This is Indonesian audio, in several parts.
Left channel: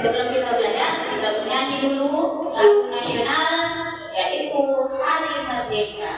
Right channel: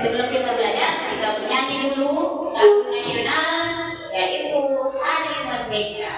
sebelum kita belajar, kita bernyanyi dulu lagu nasional, yaitu Hari Merdeka.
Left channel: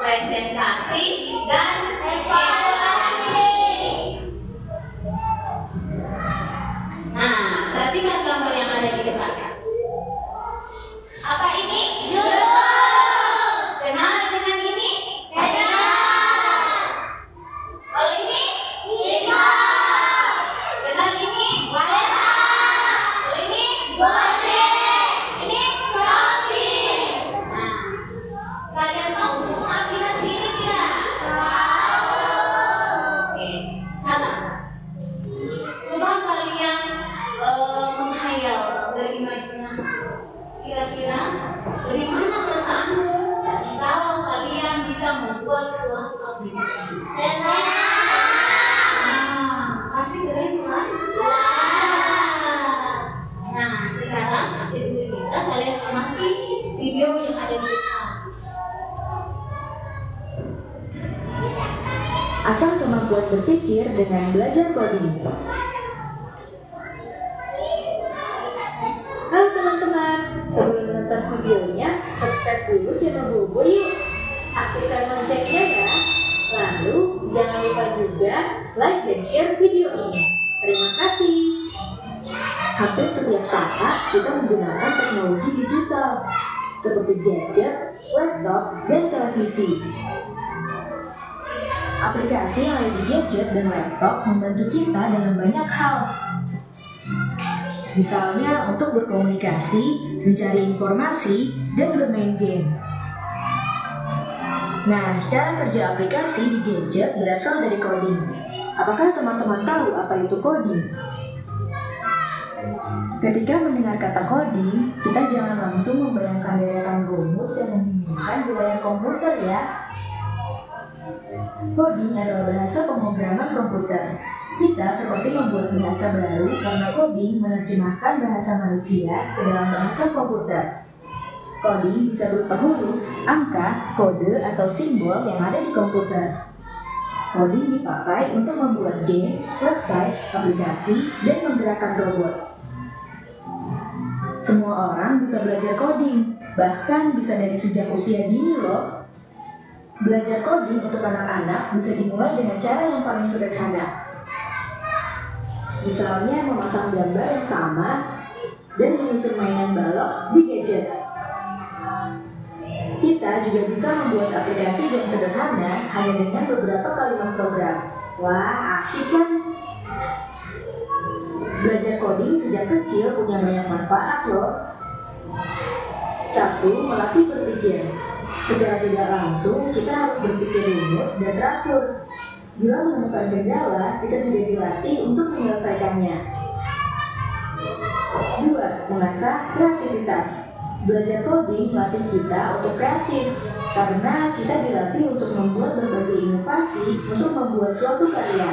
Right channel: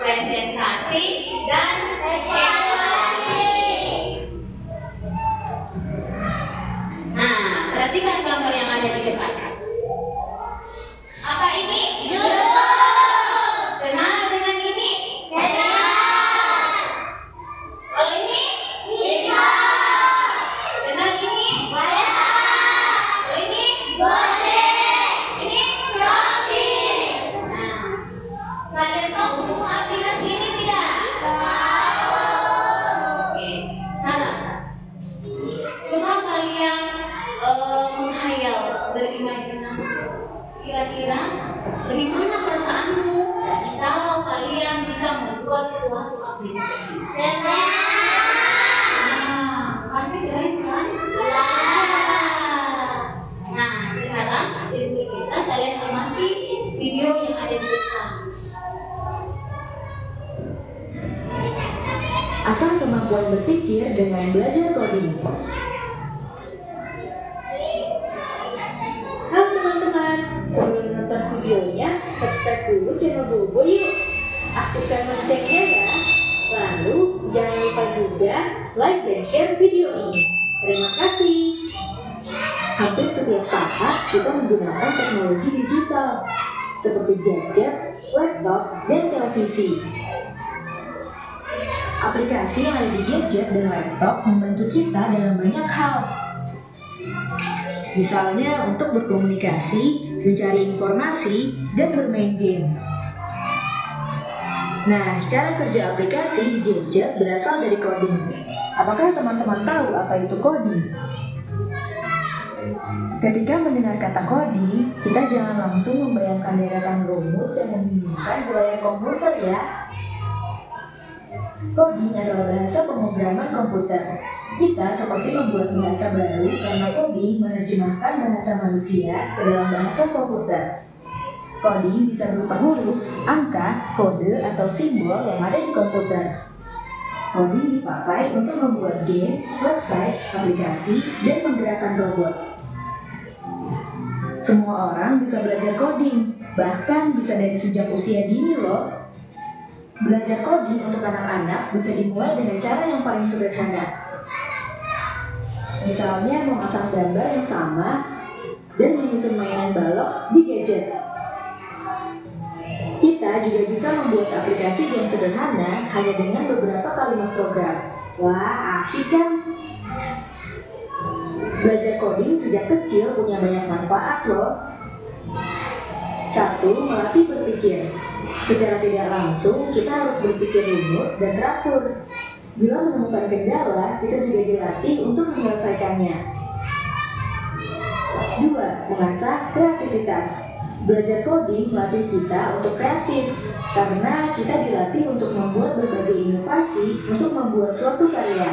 presentasi, dan evaluasi. Nah, kemampuan berpikir dengan belajar coding. Halo teman-teman, sebelum menonton videonya, subscribe dulu channel Bobo yuk. Aktifkan loncengnya ya. Lalu, jangan lupa juga like dan share video ini. Terima kasih. Hampir setiap saat kita menggunakan teknologi digital, seperti gadget, laptop, dan televisi. Aplikasi yang ada di gadget dan laptop membantu kita dalam banyak hal. Misalnya untuk berkomunikasi, mencari informasi, dan bermain game. Nah, cara kerja aplikasi di gadget berasal dari coding. Apakah teman-teman tahu apa itu coding? Ketika mendengar kata coding, kita jangan langsung membayangkan deretan rumus yang membingungkan di layar komputer ya. Coding adalah bahasa pemrograman komputer. Kita seperti membuat bahasa baru karena coding menerjemahkan bahasa manusia ke dalam bahasa komputer. Coding bisa berupa huruf, angka, kode, atau simbol yang ada di komputer. Coding dipakai untuk membuat game, website, aplikasi, dan menggerakkan robot. Semua orang bisa belajar coding, bahkan bisa dari sejak usia dini loh. Belajar coding untuk anak-anak bisa dimulai dengan cara yang paling sederhana. Misalnya memasang gambar yang sama dan menyusun mainan balok di gadget. Kita juga bisa membuat aplikasi game sederhana hanya dengan beberapa kalimat program. Wah, asyik kan? Belajar coding sejak kecil punya banyak manfaat loh. 1. Melatih berpikir. Secara tidak langsung, kita harus berpikir rumit dan teratur. Bila menemukan kendala, kita juga dilatih untuk menyelesaikannya. 2. Mengasah kreativitas. Belajar coding melatih kita untuk kreatif, karena kita dilatih untuk membuat berbagai inovasi untuk membuat suatu karya.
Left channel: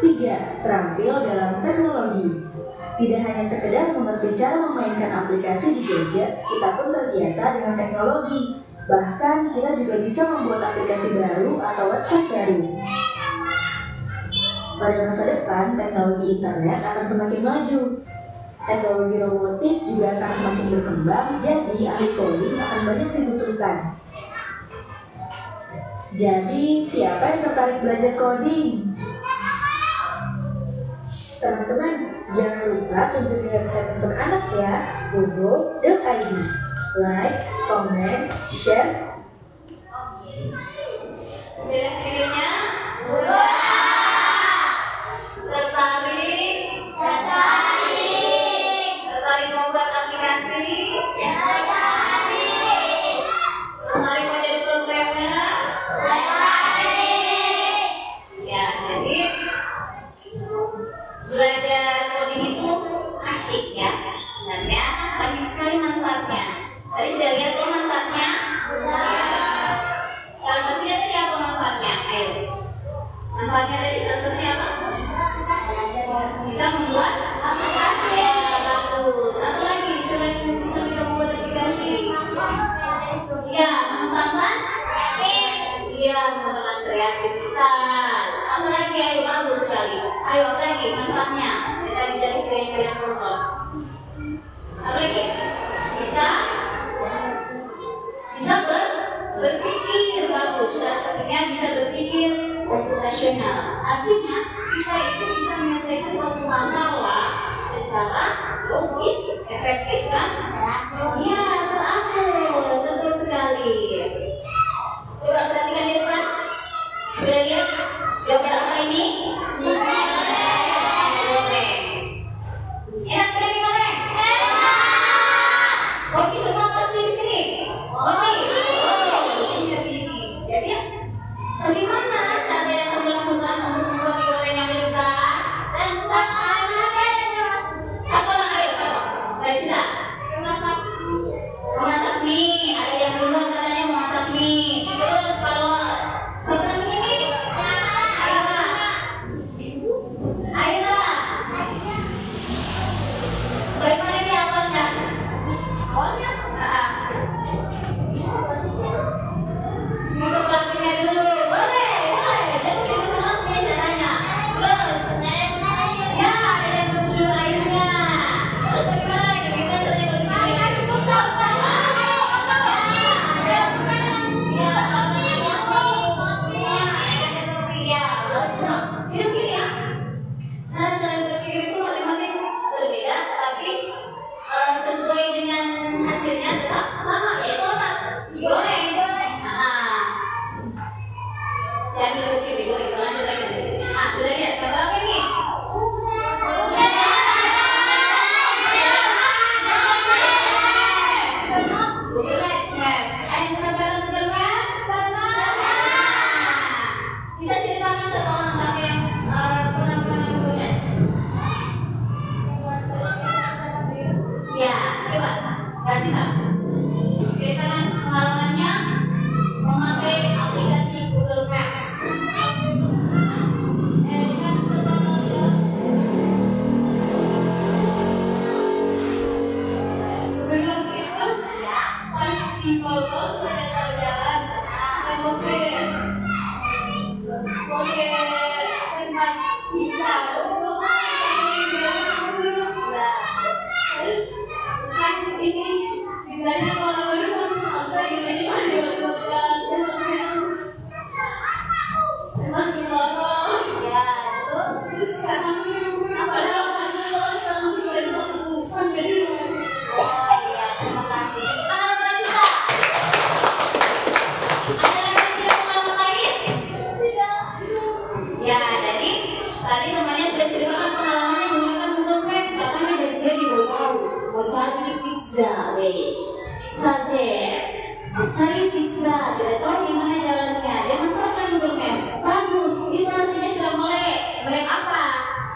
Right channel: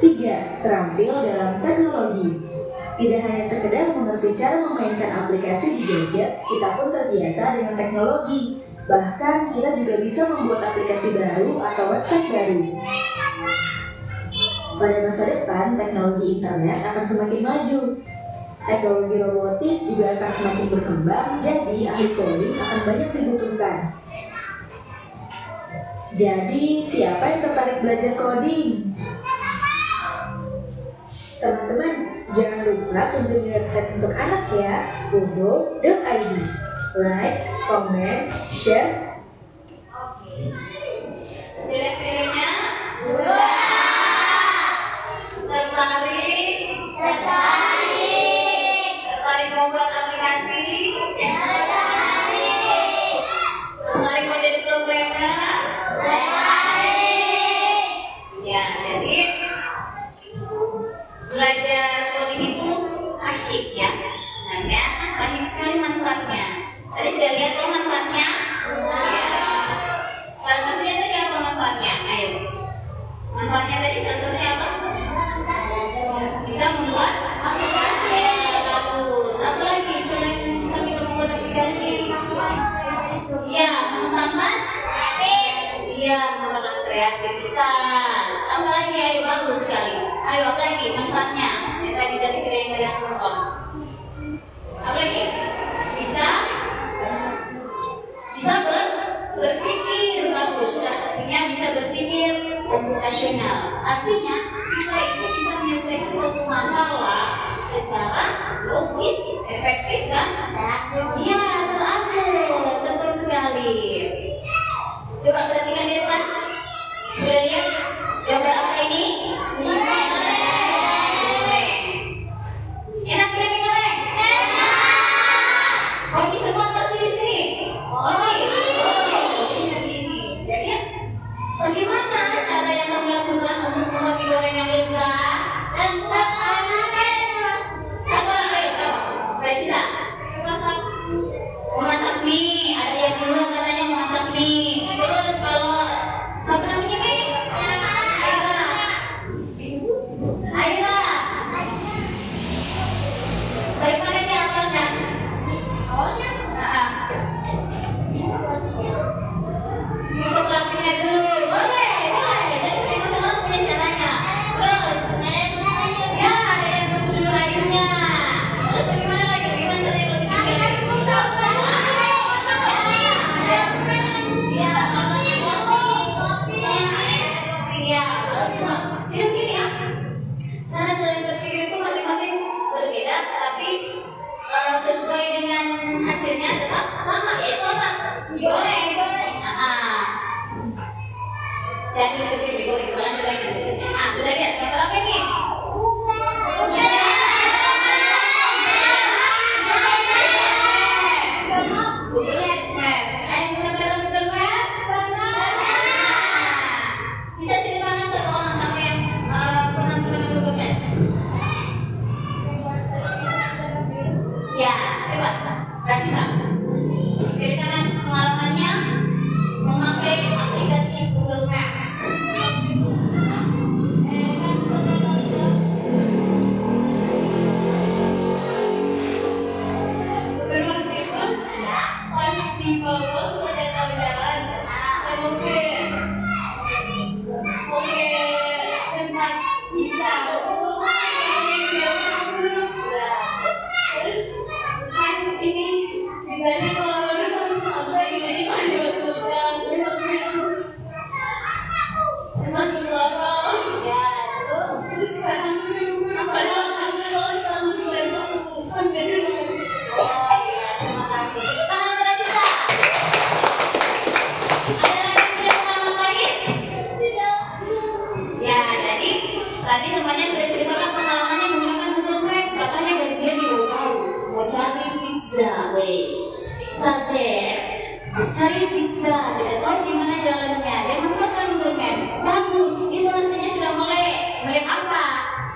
3. Terampil dalam teknologi. Tidak hanya sekedar mengerti cara memainkan aplikasi di gadget, kita pun terbiasa dengan teknologi. Bahkan kita juga bisa membuat aplikasi baru atau website baru. Pada masa depan, teknologi internet akan semakin maju. Teknologi robotik juga akan semakin berkembang, jadi ahli coding akan banyak dibutuhkan. Jadi, siapa yang tertarik belajar coding? Teman-teman, jangan lupa kunjungi website untuk anak ya, bobo.id. Like, comment, share. Lihat videonya? Sudah. Tertarik? Tertarik. Tertarik membuat aplikasi? Tertarik. Tertarik mau jadi programmer? Tertarik. Ya, jadi belajar coding itu asyik ya. Sebenarnya banyak sekali manfaatnya. Tadi sudah lihat tuh manfaatnya? Ya. Salah satunya tadi apa manfaatnya? Ayo. Manfaatnya tadi salah satunya apa? Bisa membuat aplikasi. Bagus. Apa lagi selain bisa kita membuat aplikasi? Ya, mengembangkan? Iya, mengembangkan kreativitas. Apa lagi? Ayo, bagus sekali. Ayo, apa lagi manfaatnya? Yang tadi dari video yang kalian tonton. Apa lagi? Bisa berpikir. Bagus. Artinya bisa berpikir komputasional. Artinya kita itu bisa menyelesaikan suatu masalah secara logis, efektif kan? Iya, teratur. Betul sekali. Coba perhatikan di depan. Sudah lihat gambar apa ini? Enak tidak gimana? Oke, semua pasti di sini. Oke. Jadi bagaimana cara yang kamu lakukan untuk membuat mie goreng yang lezat? Apa? Ayo coba. Dari sini. Memasak mie. Ada yang dulu katanya memasak mie. Terus kalau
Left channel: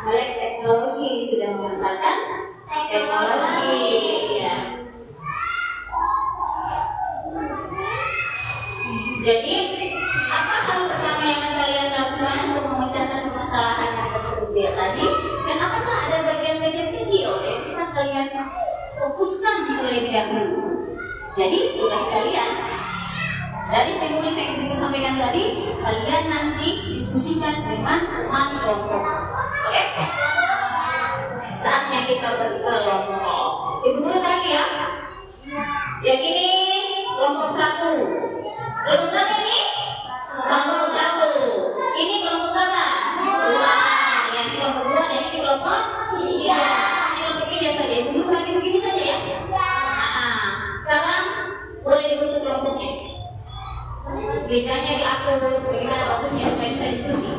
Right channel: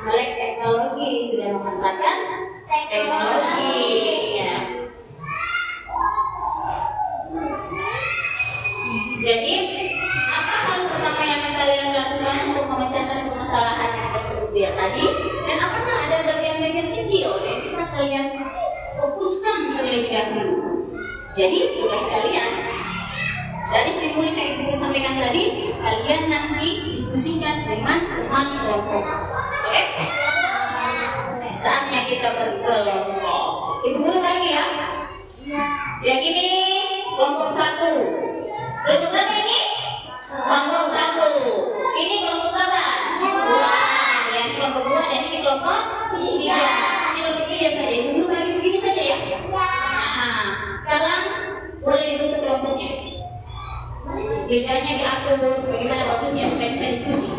melek teknologi, sudah memanfaatkan teknologi. Ya. Jadi, apa hal pertama yang akan kalian lakukan untuk memecahkan permasalahan yang tersebut tadi? Dan apakah ada bagian-bagian kecil yang bisa kalian fokuskan terlebih dahulu? Jadi, tugas kalian dari stimulus yang ibu sampaikan tadi, kalian nanti diskusikan dengan teman kelompok. Oke? Saatnya kita berkelompok. Ibu guru lagi ya? Yang ini kelompok 1. Kelompok berapa ini? Kelompok 1. Ini kelompok berapa? 2. Yang kelompok 2 dan ini kelompok 3. Ini kelompok 3 saja. Ibu guru lagi begini saja ya? Nah, sekarang boleh dibentuk kelompoknya. Gejanya diatur bagaimana bagusnya supaya bisa diskusi.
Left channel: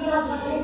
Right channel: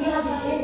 Terima kasih.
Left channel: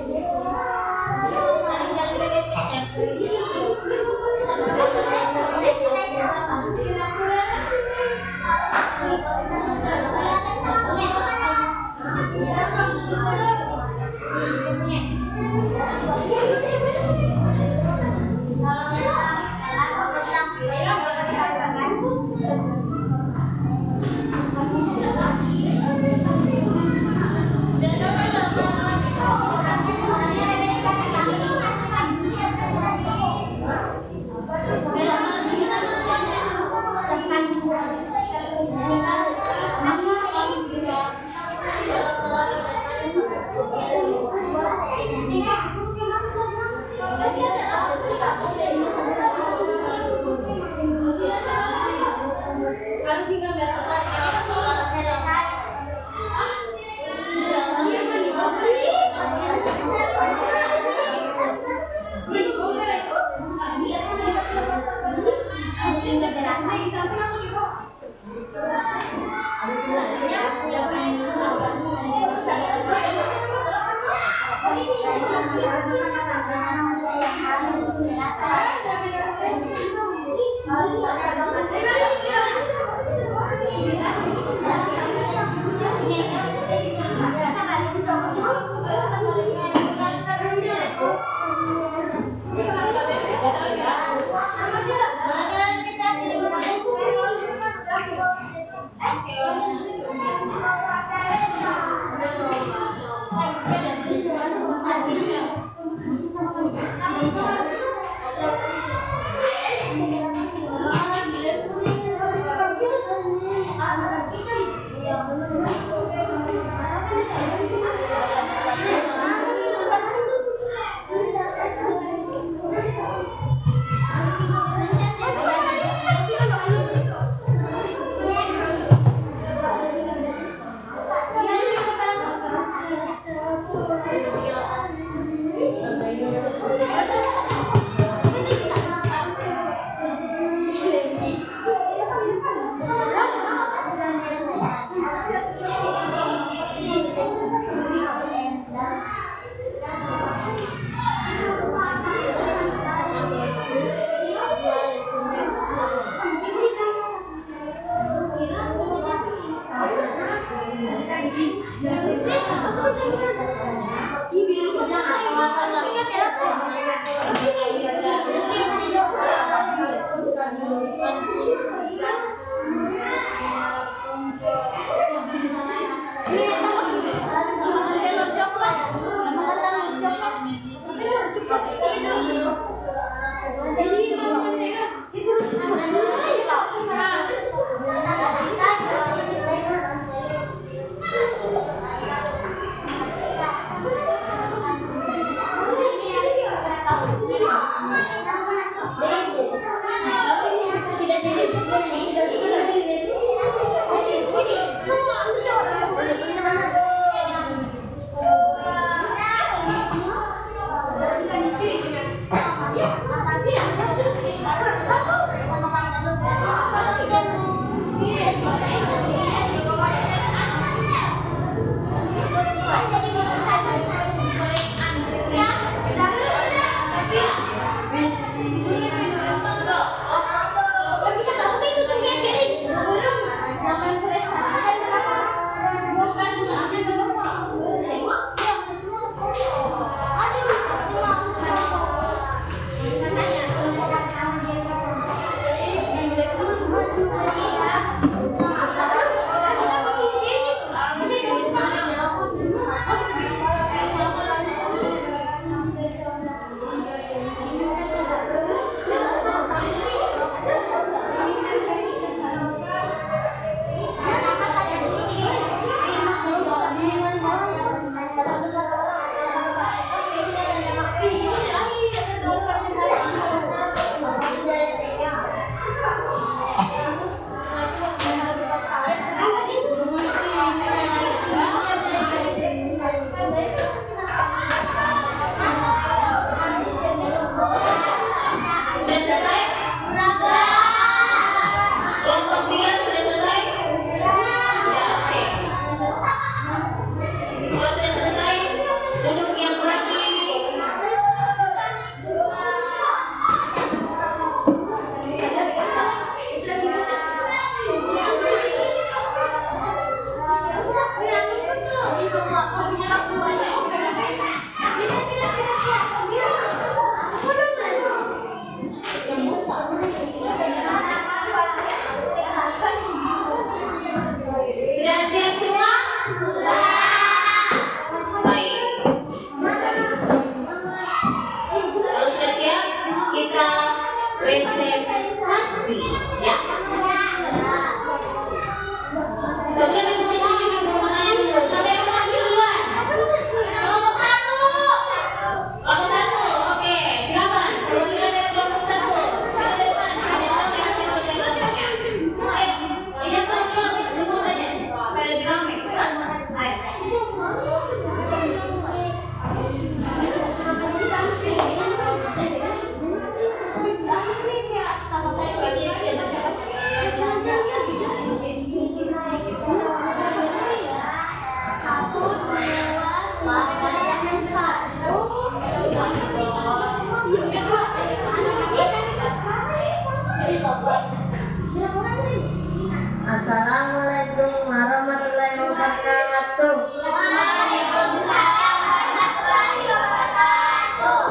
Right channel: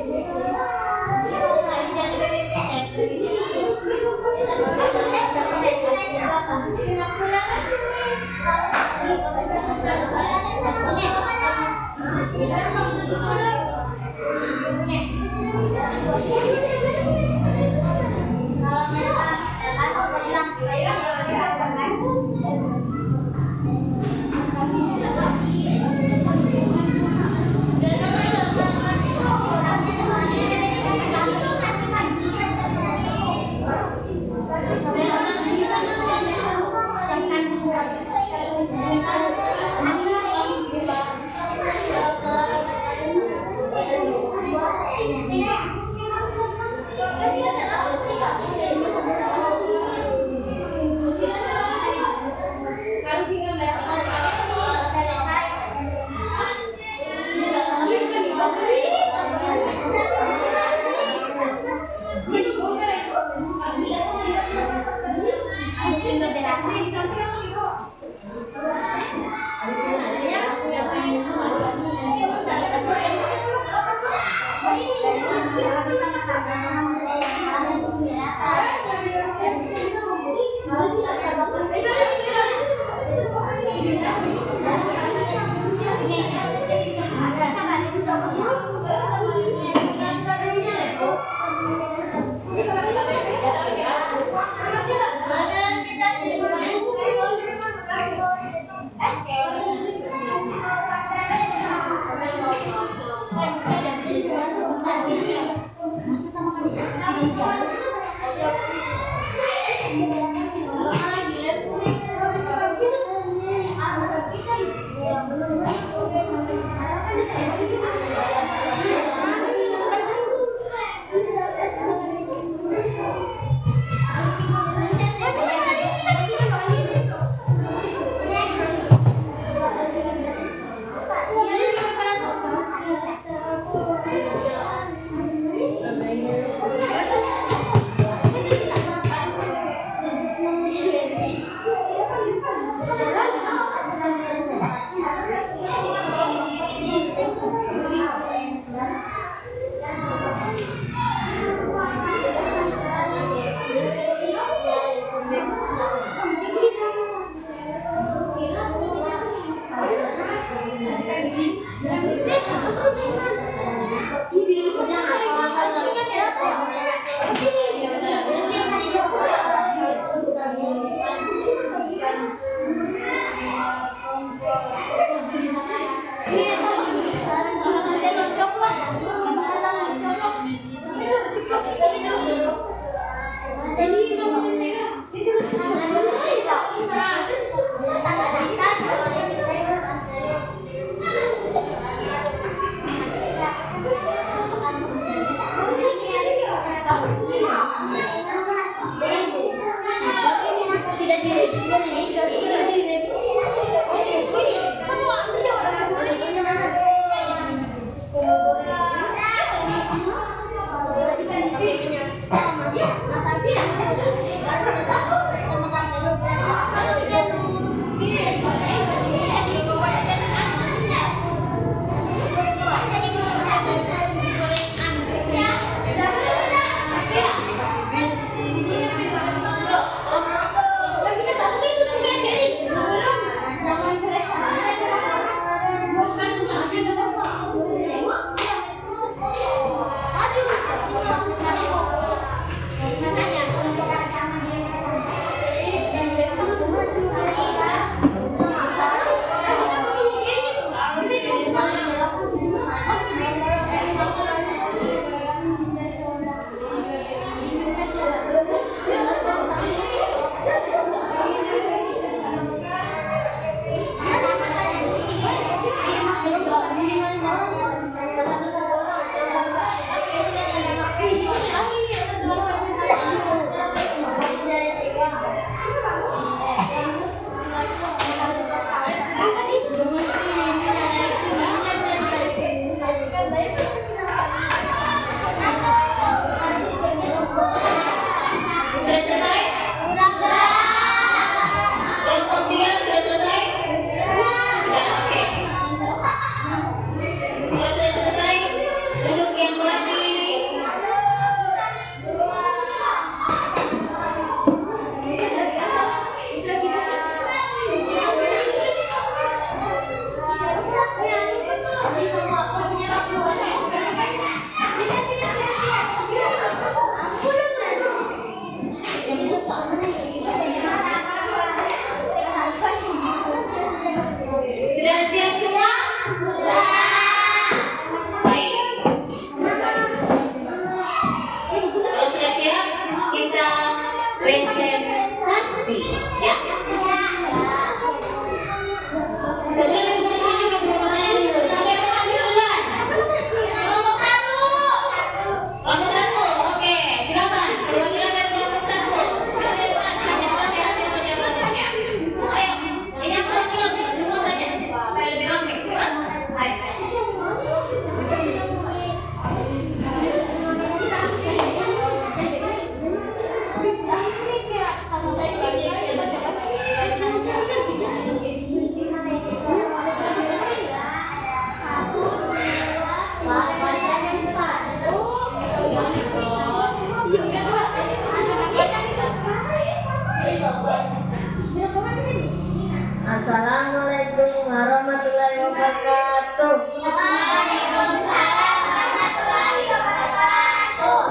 Assalamualaikum warahmatullahi wabarakatuh. Waalaikumsalam warahmatullahi wabarakatuh.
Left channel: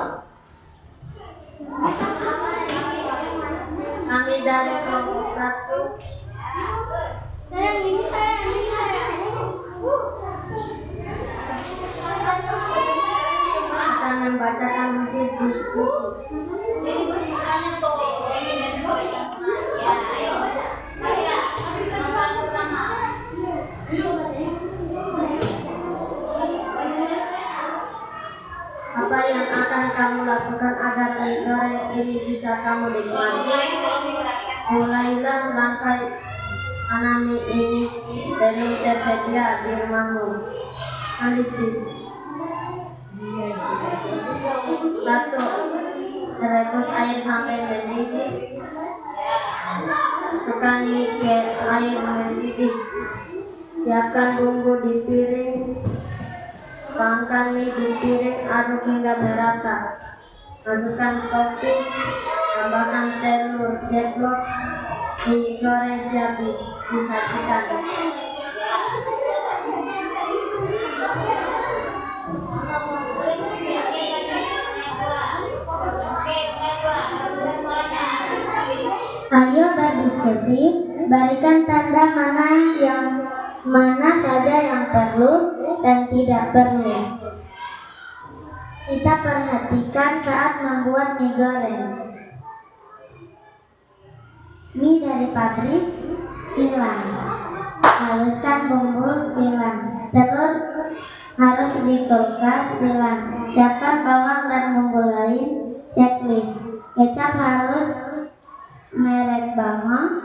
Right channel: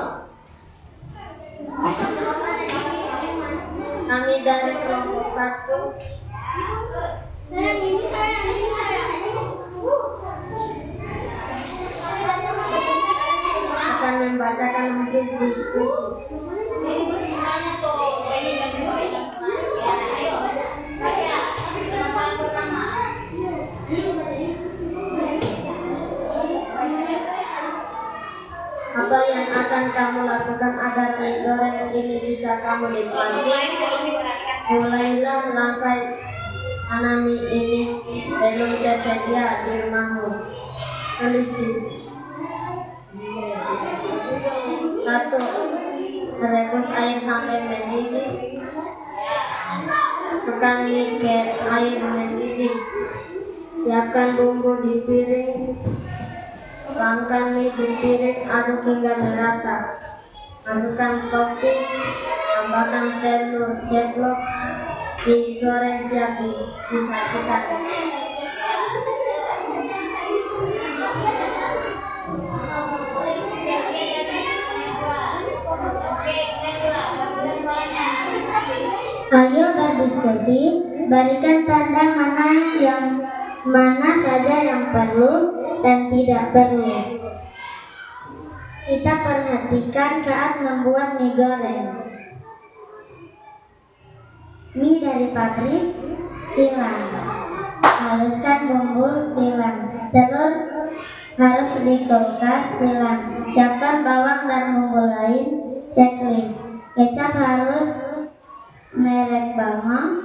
Kami dari kelompok 1 akan membacakan hasil diskusi. Apa yang akan kamu lakukan agar mie goreng ini bisa kamu nikmati? Mulailah langkah mana mie ini belum tersedia di rumahmu. Polisi 1. Rebus air sampai mendidih. Masukkan mie ke air mendidih. Siapkan bumbu di piring. Tuangkan mie di piring, aduk hingga merata. Masukkan topping, tambahkan telur ceplok, digoreng siap disajikan. Ayo berdiskusi, berikan tanda mana saja yang perlu dan tidak perlu. Kita perhatikan saat membuat mie goreng. Mie dari pabrik silang, haluskan bumbu silang, telur harus ditukas silang, siapkan bawang dan bumbu lain, checklist. Kecap harus merek bawang,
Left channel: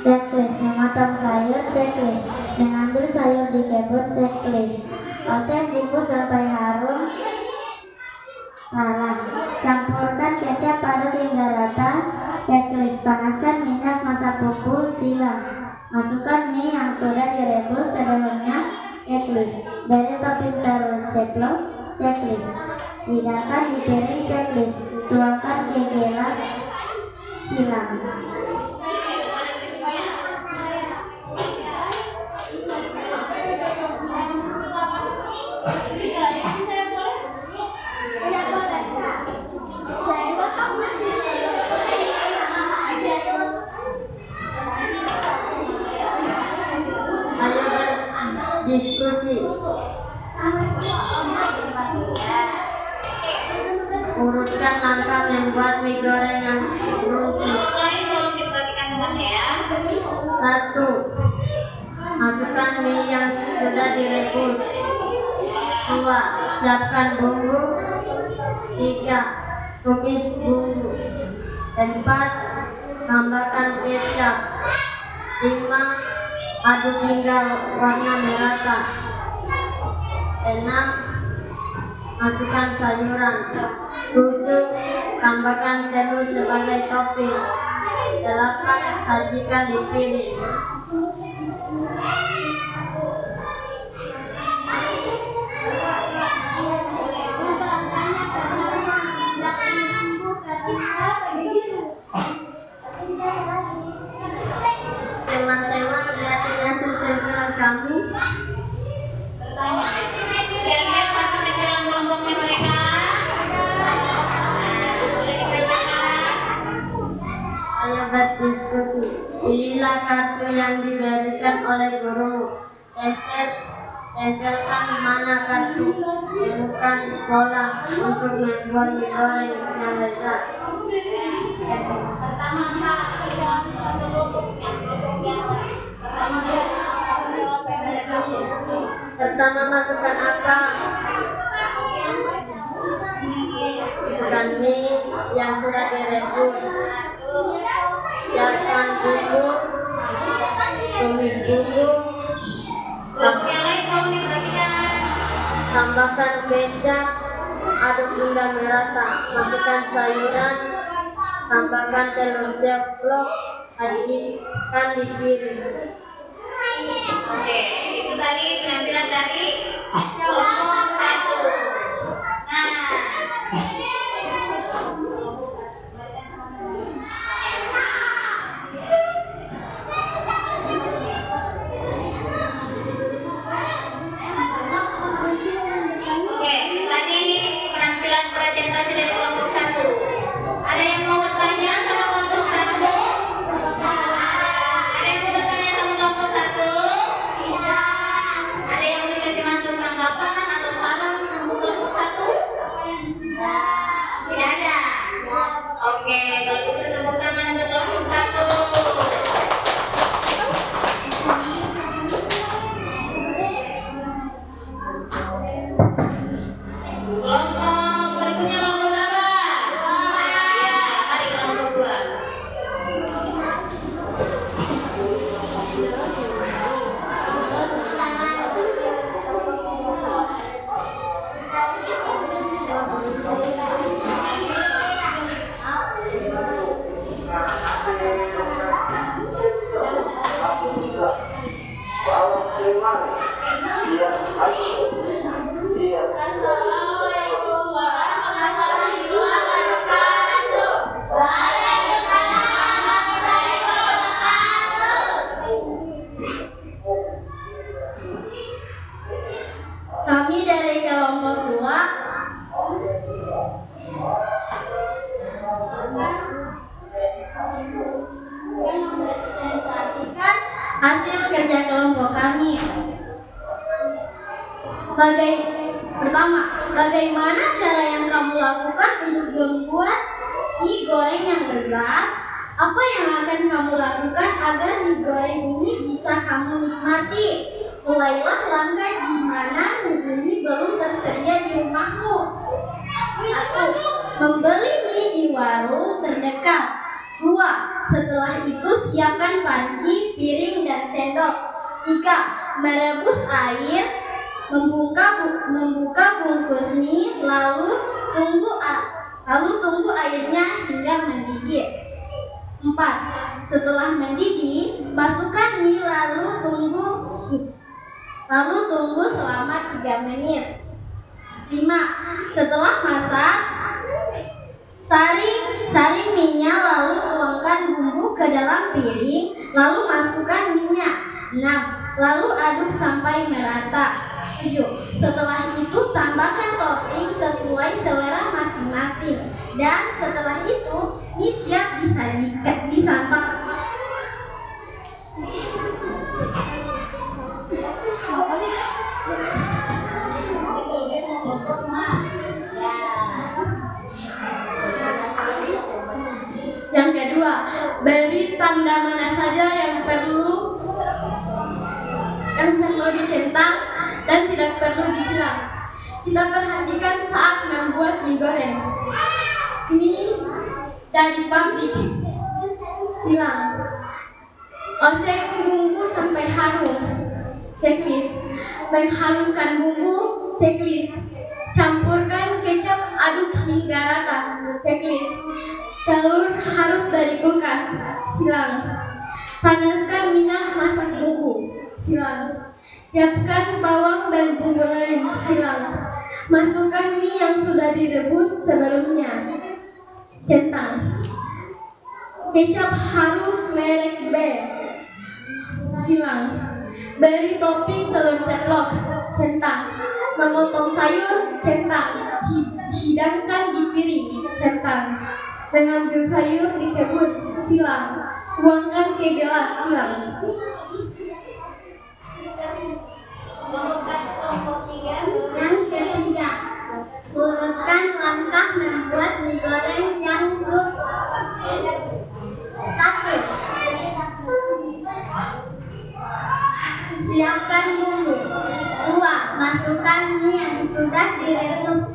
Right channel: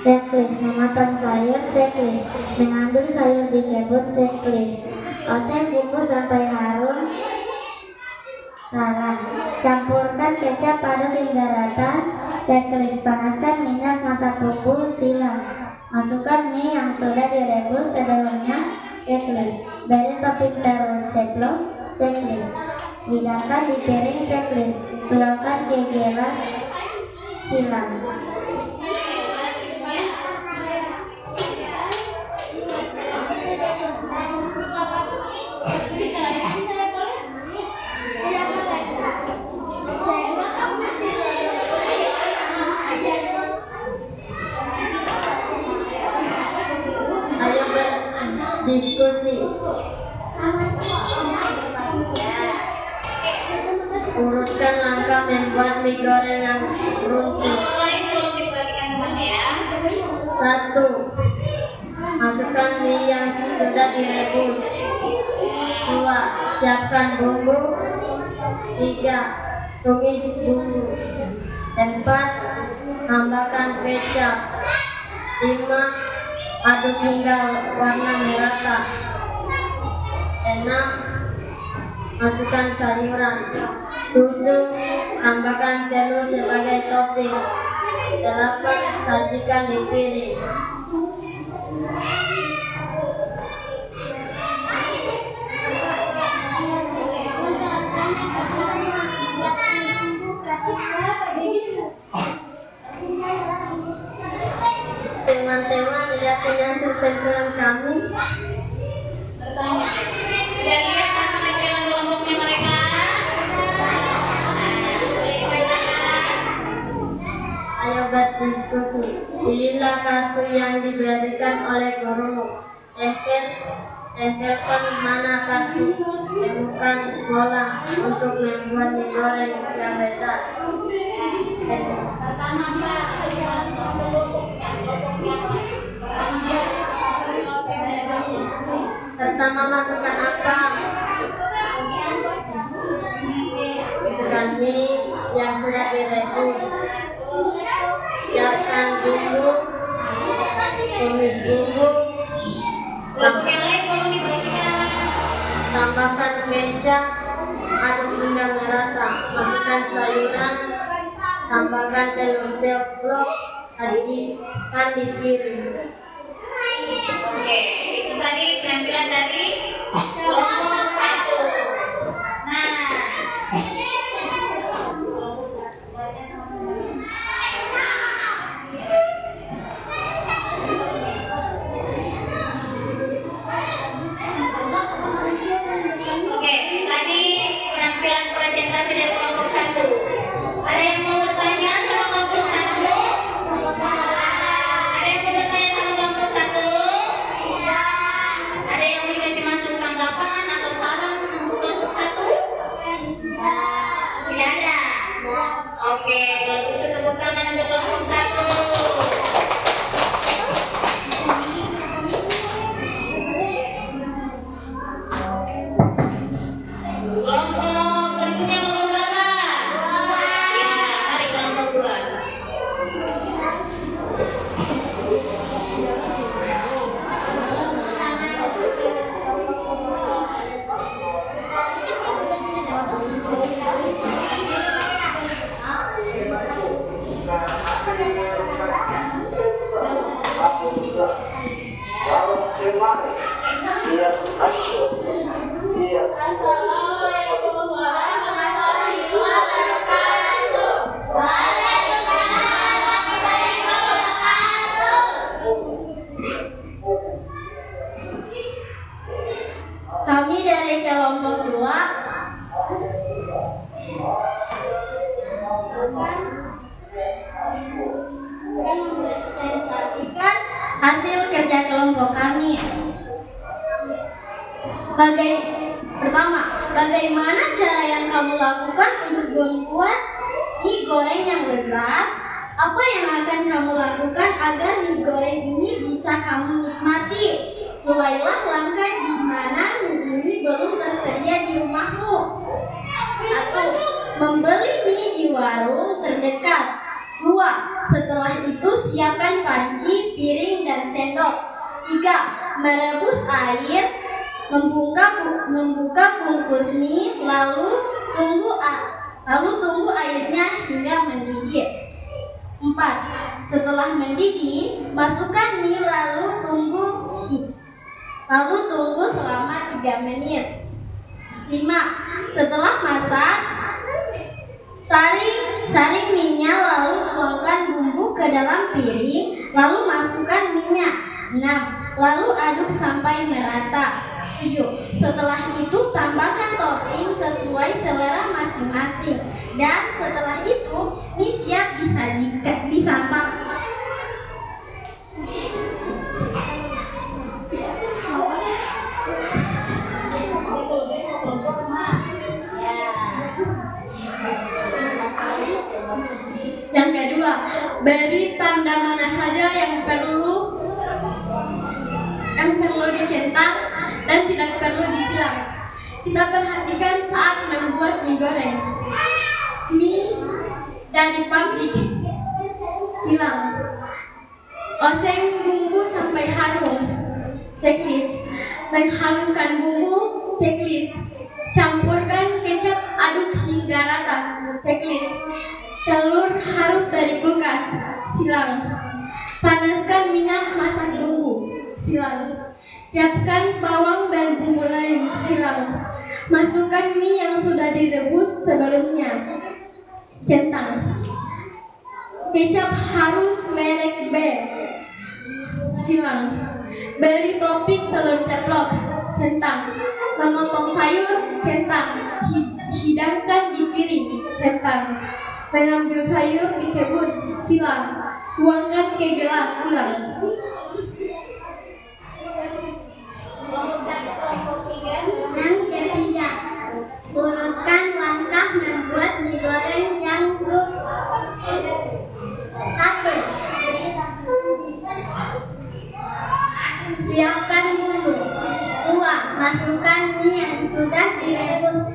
checklist. Memotong sayur, checklist. Mengambil sayur di kebun, checklist. Oseng bumbu sampai harum, salam. Campurkan kecap aduk hingga rata, checklist. Panaskan minyak masak bumbu, silam. Masukkan mie yang sudah direbus sebelumnya, checklist. Beri topping telur ceplok, checklist. Hidangkan di piring, checklist. Tuangkan ke gelas, silam. Ayo berdiskusi. Urutkan langkah membuat mie goreng yang rumput. 1. Masukkan mie yang sudah direbus. 2. Siapkan bumbu. 3. Tumis bumbu. 4. Tambahkan kecap. 5. Aduk hingga warna merata. 6. Masukkan sayuran. 7. Tambahkan telur sebagai topping. 8. Sajikan di piring. Teman-teman, lihat hasil penjualan kami. Kalian masuk ke dalam kelompoknya mereka. Ayo berdiskusi. Pilihlah kartu yang diberikan oleh guru. Tempelkan mana kartu. Temukan bola untuk membuat mie goreng yang lezat. Pertama, masukkan angka. Masukkan mie yang sudah direbus. Siapkan bumbu. Tumis bumbu. Kelompok yang lain tolong diperhatikan. Tambahkan kecap. Aduk hingga merata. Masukkan sayuran. Tambahkan telur ceplok. Sajikan di piring. Oke, itu tadi penampilan dari kelompok 1. Nah, hasil kerja kelompok kami. Pertama, bagaimana cara yang kamu lakukan untuk membuat mie goreng yang lezat? Apa yang akan kamu lakukan agar mie goreng ini bisa kamu nikmati? Mulailah langkah di mana mie ini belum tersedia di rumahmu. 1. Membeli mie di warung terdekat. 2. Setelah itu siapkan panci, piring, dan sendok. 3. Merebus air, membuka bungkus mie, lalu tunggu airnya hingga mendidih. 4. Setelah mendidih, masukkan mie lalu tunggu selama 3 menit. 5. Setelah masak, saring mie-nya lalu tuangkan bumbu ke dalam piring, lalu masukkan mie-nya. 6. Lalu aduk sampai merata. 7. Setelah itu tambahkan topping sesuai selera masing-masing. Dan setelah itu mie siap disantap. Yang kedua, beri tanda mana saja yang perlu dicentang dan tidak perlu disilang. Kita perhatikan saat membuat mie goreng. Mie dari pabrik, silang. Oseng bumbu sampai harum, checklist. Menghaluskan bumbu, checklist. Campurkan kecap, aduk hingga rata, checklist. Telur harus dari kulkas, silang. Panaskan minyak masak bumbu, silang. Siapkan bawang dan bumbu lain, silang. Masukkan mie yang sudah direbus sebelumnya, centang. Kecap harus merek B, silang. Beri topping telur ceplok, centang. Memotong sayur, centang. Hidangkan di piring, centang. Mengambil sayur di kebun, silang. Tuangkan ke gelas, silang. Yang ketiga, urutkan langkah membuat mie goreng yang lezat. 1. Siapkan bumbu. 2. Masukkan mie yang sudah direbus.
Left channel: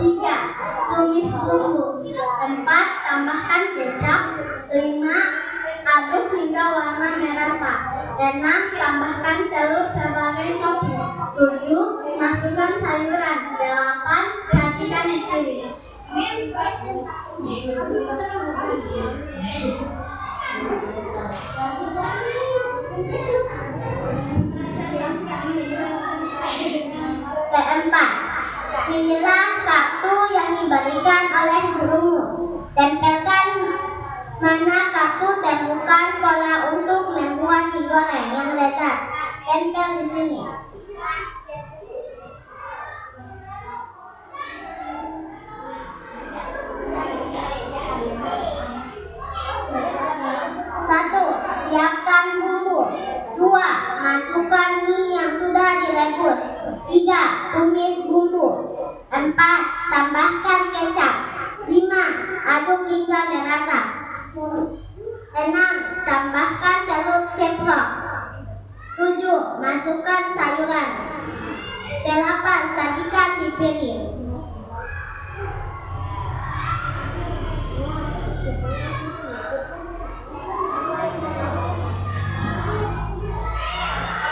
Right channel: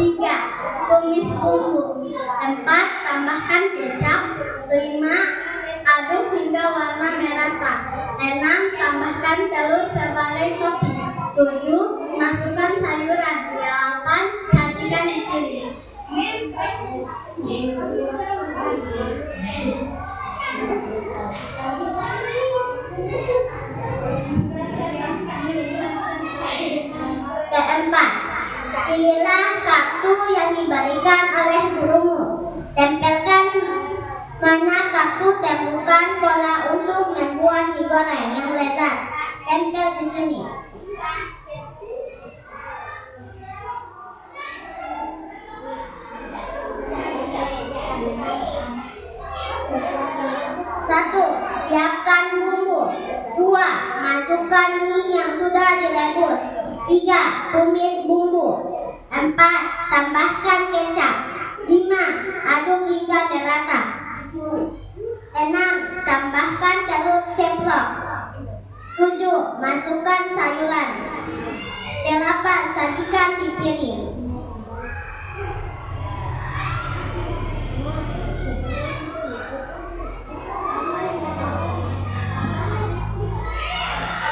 3. Tumis bumbu. 4. Tambahkan kecap. 5. Aduk hingga warna merata. 6. Tambahkan telur sebagai topping. 7. Masukkan sayuran. 8. Sajikan di piring. Keempat, pilihlah kartu yang diberikan oleh gurumu. Tempelkan mana kartu temukan pola untuk membuat mie goreng yang lezat. Tempel di sini. Satu, siapkan bumbu. 2. Masukkan mie yang sudah direbus. 3. Tumis bumbu. 4. Tambahkan kecap. 5. Aduk hingga merata. 6. Tambahkan telur ceplok. 7. Masukkan sayuran. 8. Sajikan di piring.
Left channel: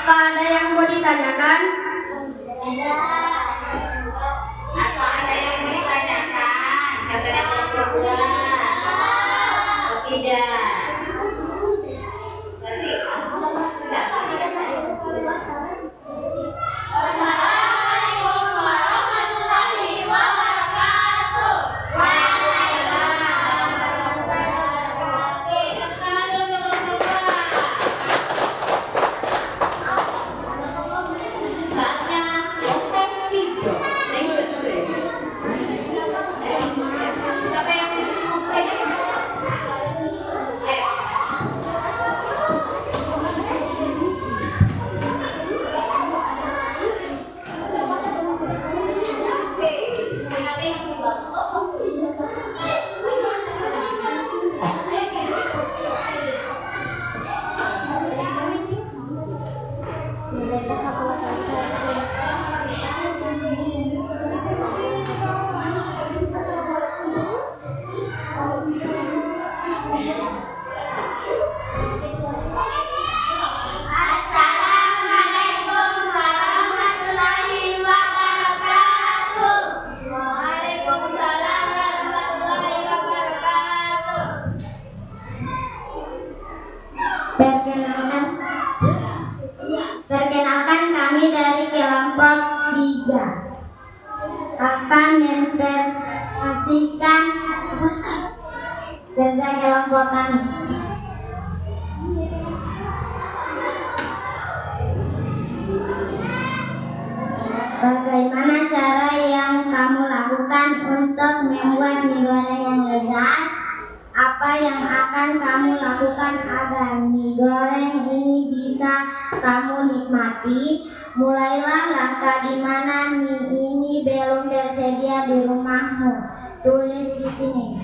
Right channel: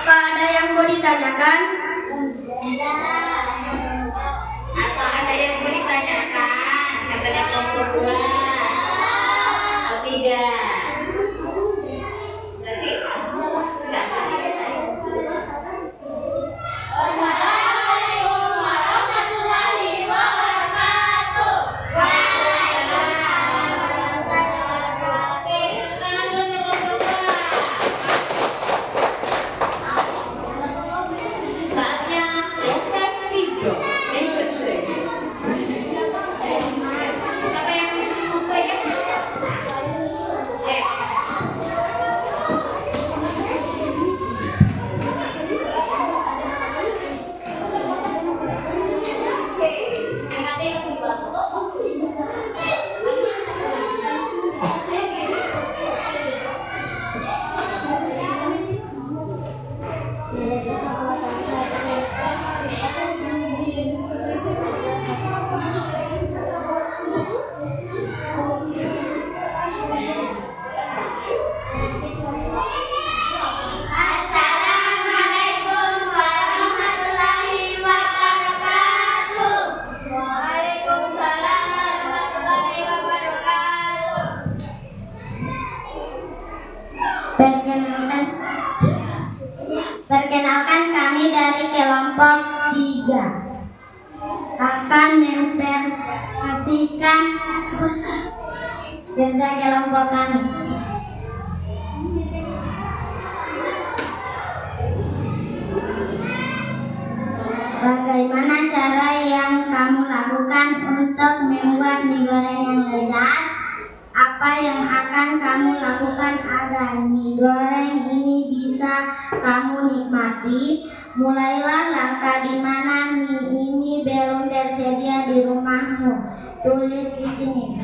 Apa ada yang mau ditanyakan? Apa ada yang mau ditanyakan? Katanya kelompok 2. Oh, tidak. Nanti sudah. Assalamualaikum warahmatullahi wabarakatuh. goreng ini bisa kamu nikmati. Mulailah langkah di mana mie ini belum tersedia di rumahmu. Tulis di sini.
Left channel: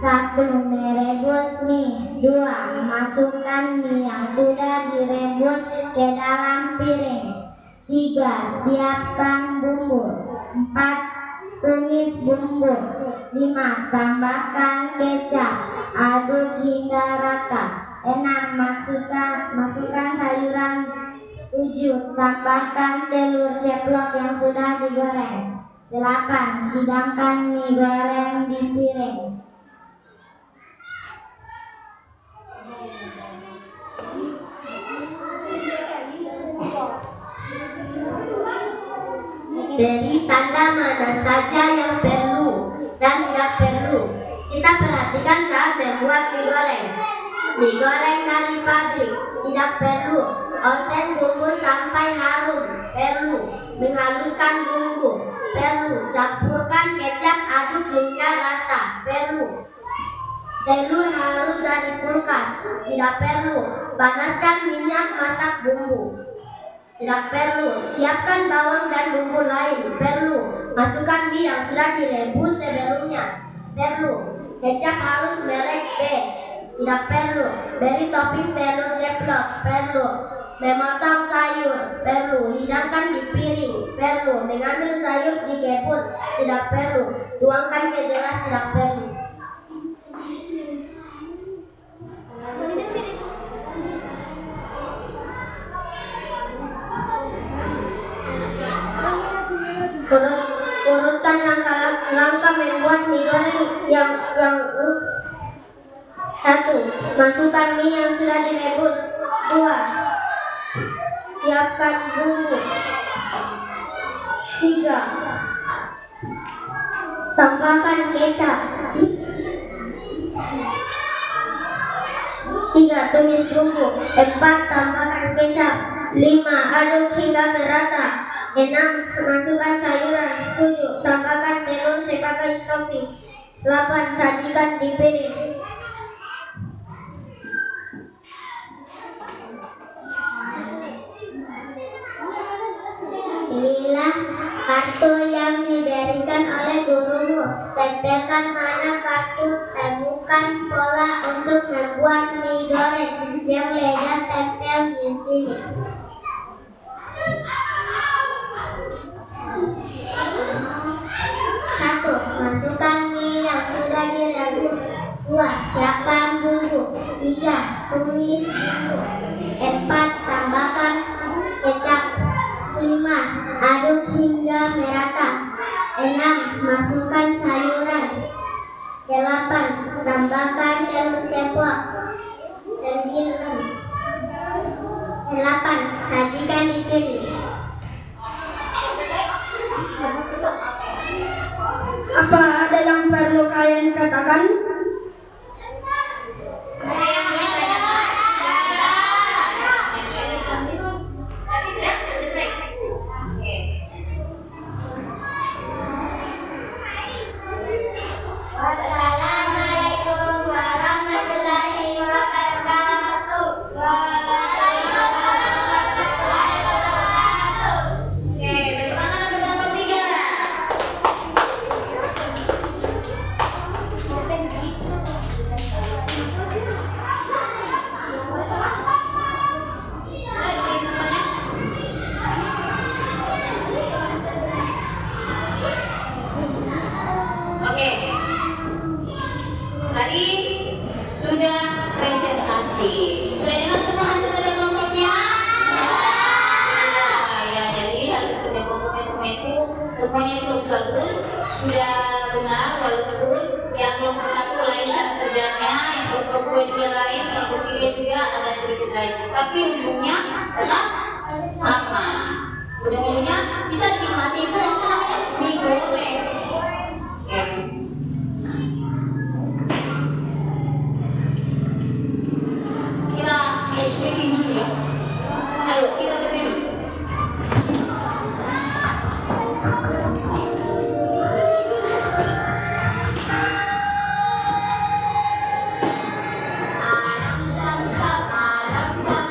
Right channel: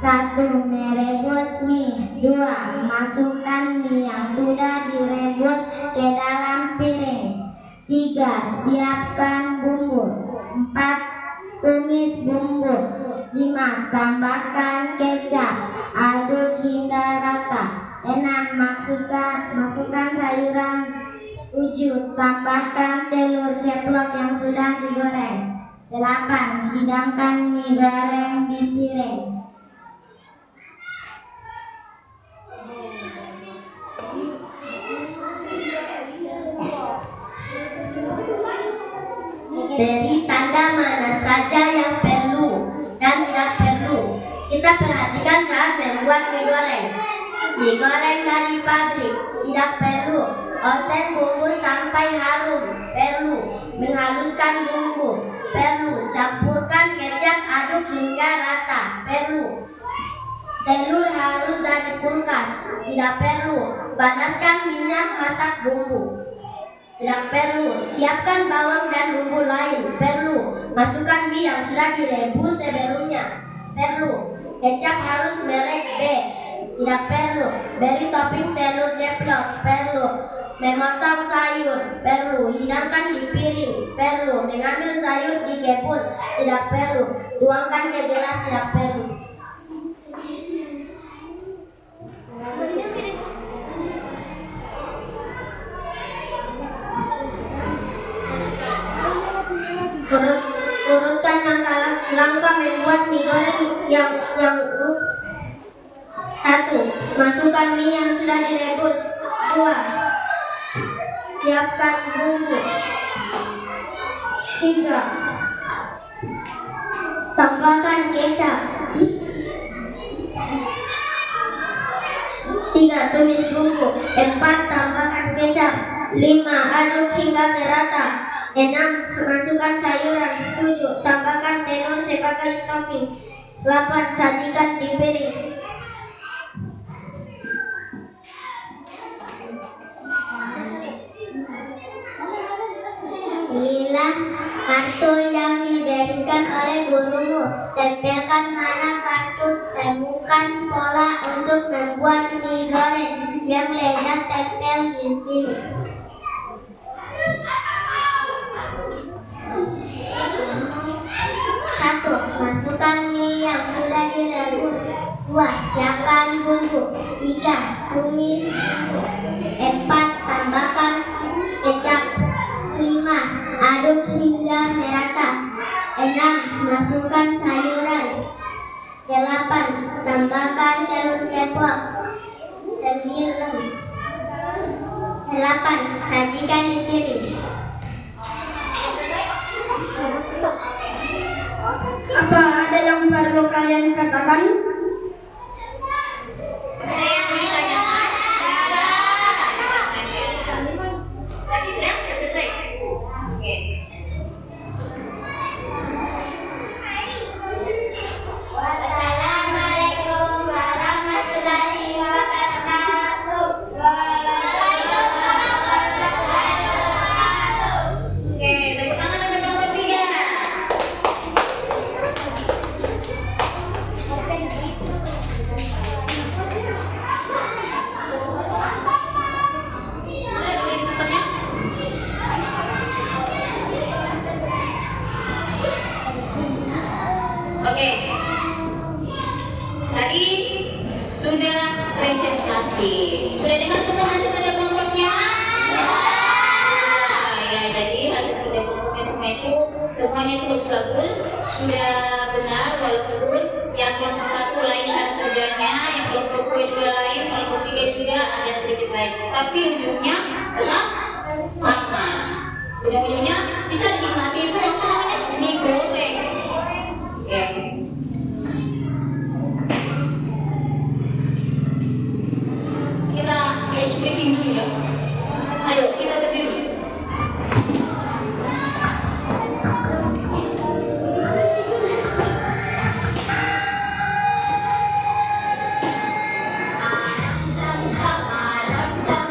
1. Merebus mie. 2. Masukkan mie yang sudah direbus ke dalam piring. 3. Siapkan bumbu. 4. Tumis bumbu. 5. Tambahkan kecap. Aduk hingga rata. 6. Masukkan sayuran. 7. Tambahkan telur ceplok yang sudah digoreng. 8. Hidangkan mie goreng di piring. Beri tanda mana saja yang perlu dan tidak perlu. Kita perhatikan saat membuat mie goreng. Mie goreng dari pabrik tidak perlu. Oseng bumbu sampai harum perlu. Menghaluskan bumbu perlu. Campurkan kecap, aduk hingga rata perlu. Telur harus dari kulkas tidak perlu. Panaskan minyak, masak bumbu tidak perlu. Siapkan bawang dan bumbu lain perlu. Masukkan mie yang sudah direbus sebelumnya perlu. Kecap harus merek B tidak perlu. Beri topping telur ceplok perlu. Memotong sayur perlu. Hidangkan di piring perlu. Mengambil sayur di kebun tidak perlu. Tuangkan ke gelas tidak perlu. Urutkan langkah membuat mie goreng yang 1. Masukkan mie yang sudah direbus. 2. Siapkan bumbu. 3. Tambahkan kecap. 3. Tumis bumbu. 4. Tambahkan kecap. 5. Aduk hingga merata. 6. Masukkan sayuran. 7. Tambahkan telur sebagai topping. 8. Sajikan di piring. Inilah kartu yang diberikan oleh gurumu. Tempelkan mana kartu, temukan pola untuk membuat mie goreng yang lezat. Tempel di sini. 1. Masukkan mie yang sudah direbus. 2. Siapkan bumbu. 3. Tumis. 4. Tambahkan kecap. 5. Aduk hingga merata. 6. Masukkan sayuran. 8. Tambahkan telur ceplok. 9. 8. Sajikan di piring. Apa ada yang perlu kalian katakan? Ada yang mau ditanyakan? Sudah selesai. Oke. Wassalamualaikum warahmatullahi wabarakatuh. Oke, tepuk tangan untuk kelompok 3. Oke, tadi sudah presentasi. Sudah dengar semua hasil kerja kelompoknya? Ya, jadi hasil kerja kelompoknya semua itu semuanya itu bagus-bagus. Sudah benar, walaupun yang kelompok 1 lain cara kerjanya, yang kelompok 2 juga lain, kelompok 3 juga ada sedikit lain. Tapi ujungnya tetap sama. Ujung-ujungnya bisa dinikmati itu yang namanya mie goreng. Ya. Kita ice breaking dulu ya. Ayo kita berdiri. Alam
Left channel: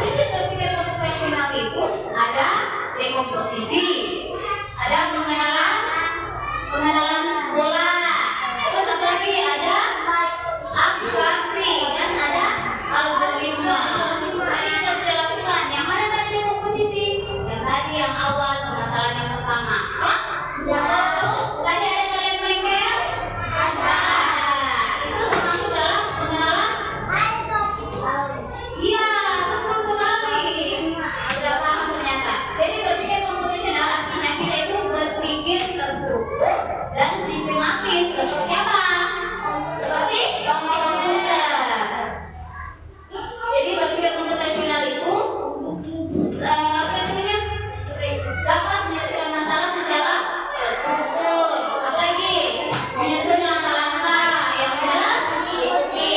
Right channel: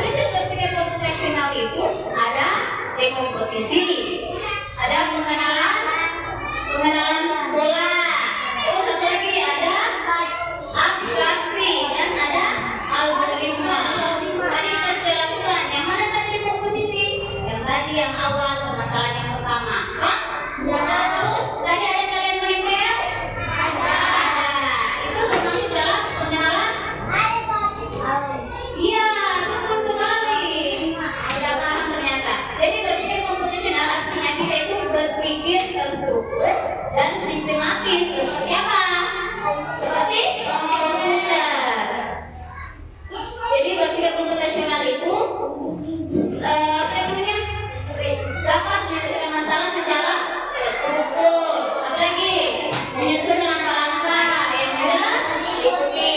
prinsip berpikir komputasional itu ada dekomposisi, ada pengenalan pola, terus apa lagi ada abstraksi dan ada algoritma. Tadi kita sudah lakukan. Yang mana tadi dekomposisi? Yang tadi yang awal permasalahan yang pertama. Terus tadi ada kalian menempel? Ada. Itu termasuk dalam pengenalan? Iya, betul sekali. Sudah paham ternyata. Jadi berpikir komputasional artinya kita itu berpikir terstruktur dan sistematis. Seperti apa? Seperti komputer. Jadi berpikir komputasional itu dapat menyelesaikan masalah secara terstruktur. Apalagi menyusun langkah-langkah yang mudah diikuti,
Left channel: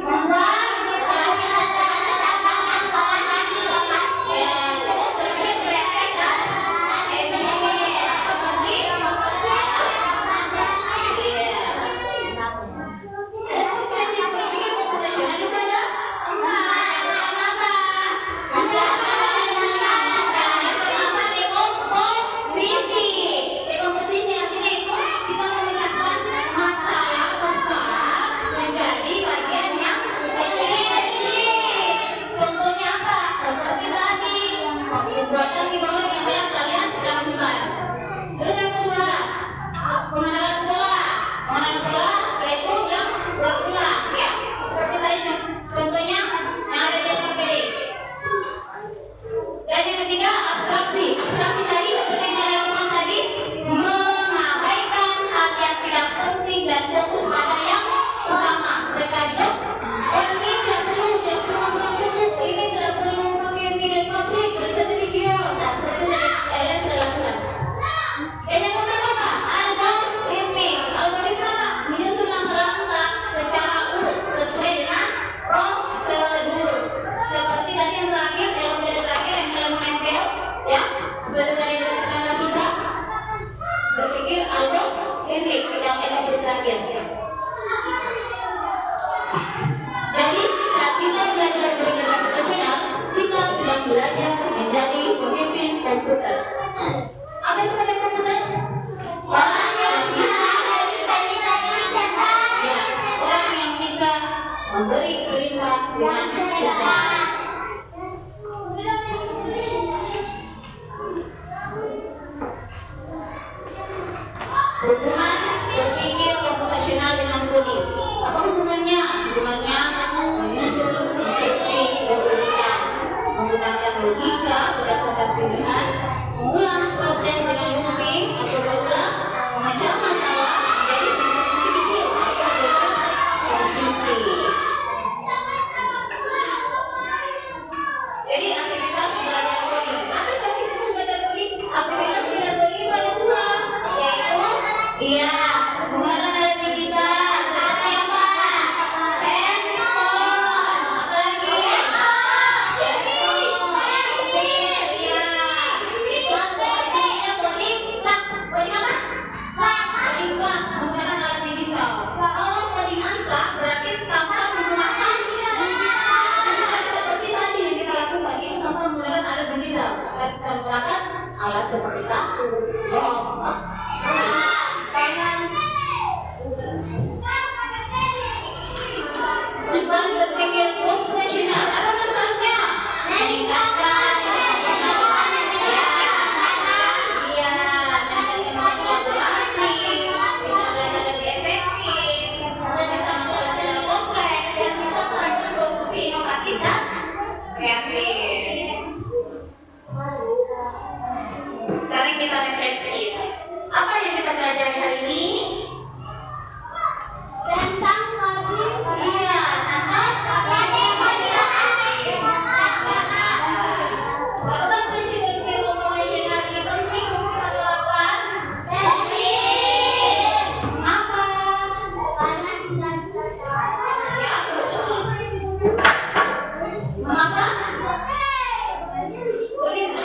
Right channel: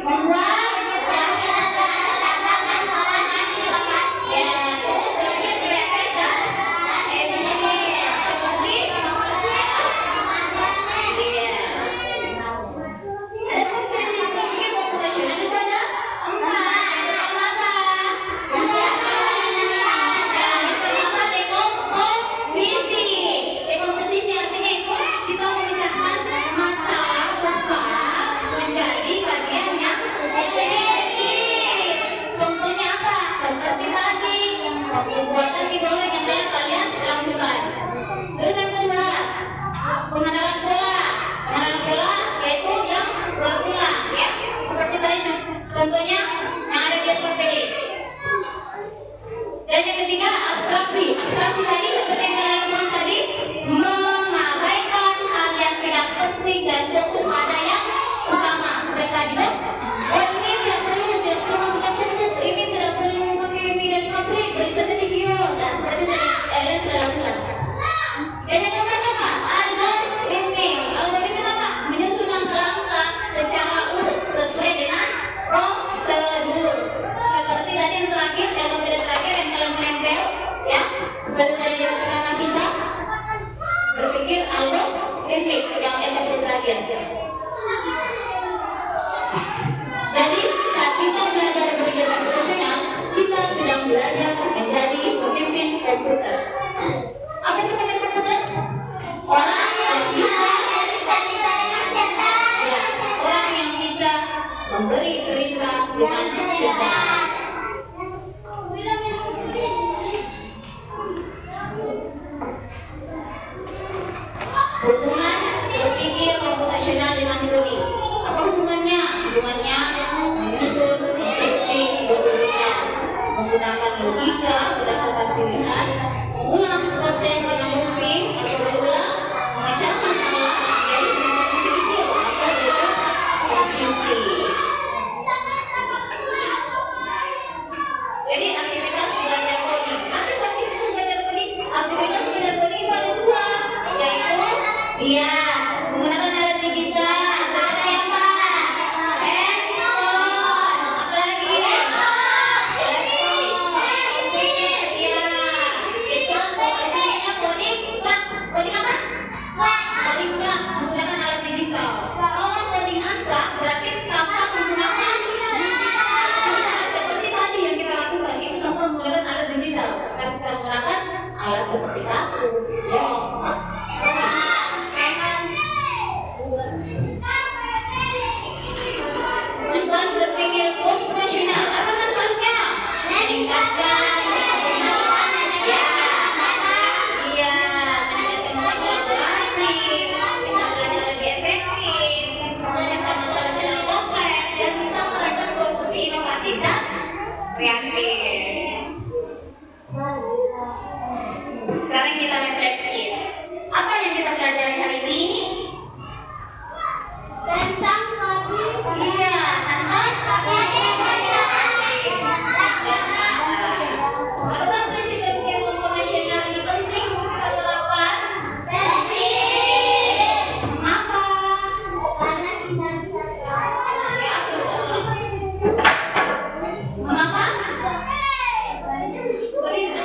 membuat berpikir kreatif dan efisien. Seperti ada prinsip berpikir komputasional itu ada 4. Yang pertama apa? Yang pertama dekomposisi. Dekomposisi artinya itu kita memecahkan masalah besar menjadi bagian yang kecil. Contohnya apa? Seperti tadi pembuatan di bawah yang telah kalian lakukan. Terus yang kedua, pengenalan pola. Pengenalan pola yaitu yang berulang, ya. Seperti tadi contohnya yang ada di LPPD. Dan yang ketiga, abstraksi. Abstraksi tadi seperti yang kalian lakukan tadi, mengabaikan hal yang tidak penting dan fokus pada yang utama. Seperti tadi tuh, ini tidak perlu masukkan buku, ini tidak perlu pakai media publik, beli saja di kios. Nah, seperti tadi kalian sudah lakukan. Dan yang keempat apa? Algoritma. Algoritma apa? Menyusun langkah-langkah secara urut sesuai dengan prosedur. Seperti tadi yang terakhir, LPD terakhir yang kalian menempel, ya. Seperti tadi yang dikatakan Nafisa, berpikir algoritmik yang LPD terakhir. Jadi saat kita belajar berpikir komputasional, kita sedang belajar menjadi pemimpin komputer. Apa itu pemimpin komputer? Orang yang bisa, ya, orang yang bisa memberi perintah dengan cerdas. Hubungan berpikir komputasional dengan coding. Apa hubungannya? Hubungannya menyusun instruksi berurutan, menggunakan logika berdasarkan pilihan, mengulang proses dengan looping atau berulang, memecah masalah menjadi fungsi-fungsi kecil atau dekomposisi. Jadi aktivitas belajar coding. Apa itu aktivitas belajar coding? Aktivitas belajar coding itu ada 2, yaitu menggunakan alat digital seperti apa? Handphone. Apa lagi? Coding apa? Coding menggunakan alat digital. Kalau coding angka berarti tanpa menggunakan seperti tadi yang kita lakukan. Ini tanpa menggunakan alat digital. Kita menggunakan alat seperti kartu. Manfaat berpikir komputasional. Apa manfaatnya? Meningkatkan meningkatkan kolaborasi, bisa belajar lebih efektif, memecahkan masalah secara kompleks, dan bisa merancang solusi inovatif dan kreatif. Sekarang kita refleksi. Apa yang kita pelajari hari ini? Tentang apakah prinsip berpikir komputasional ini penting atau apa? Penting. Mengapa? Karena kita mengapa? Bagaimana?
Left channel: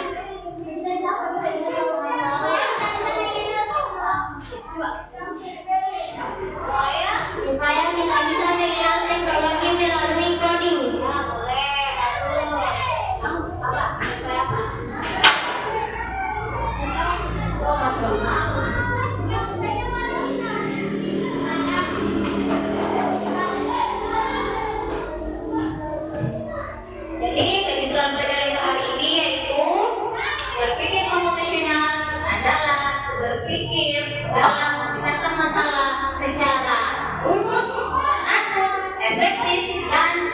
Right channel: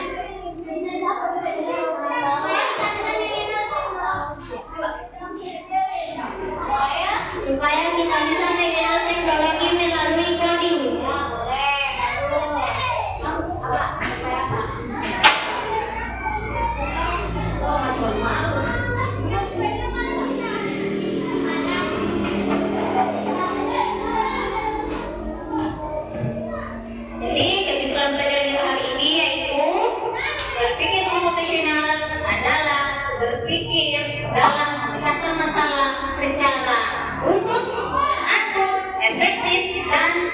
efektif dan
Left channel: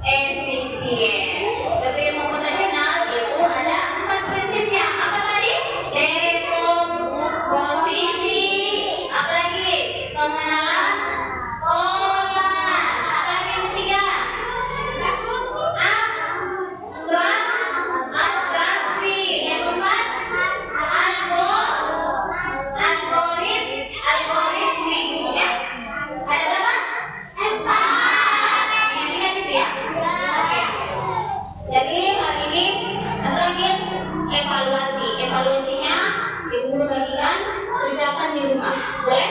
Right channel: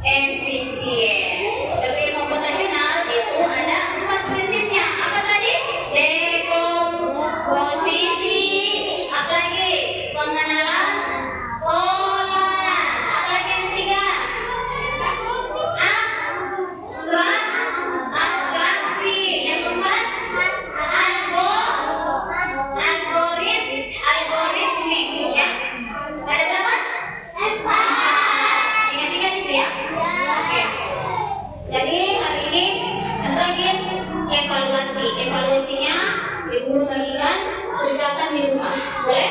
efisien. Berpikir komputasional itu ada 4 prinsipnya. Apa tadi? Dekomposisi. Apa lagi? Pengenalan pola. Apa lagi yang ketiga? Abstraksi. Yang keempat, algoritmik. Ya. Ada berapa? 4. Ingat-ingat itu ya. Oke. Jadi hari ini terakhir evaluasi. Evaluasinya ibu guru bagikan, kerjakan di rumah. Boleh?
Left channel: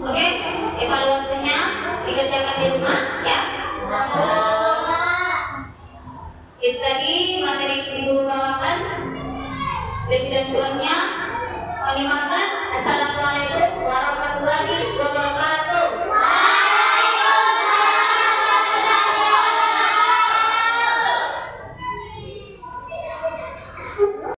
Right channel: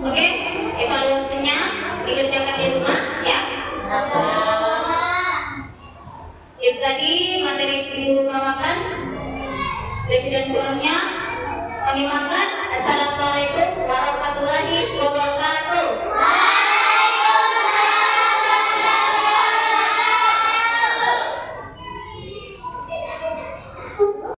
Oke, evaluasinya dikerjakan di rumah ya. Itu tadi materi guru bawakan. Lebih dan kurangnya mohon dimaafkan. Assalamualaikum warahmatullahi wabarakatuh.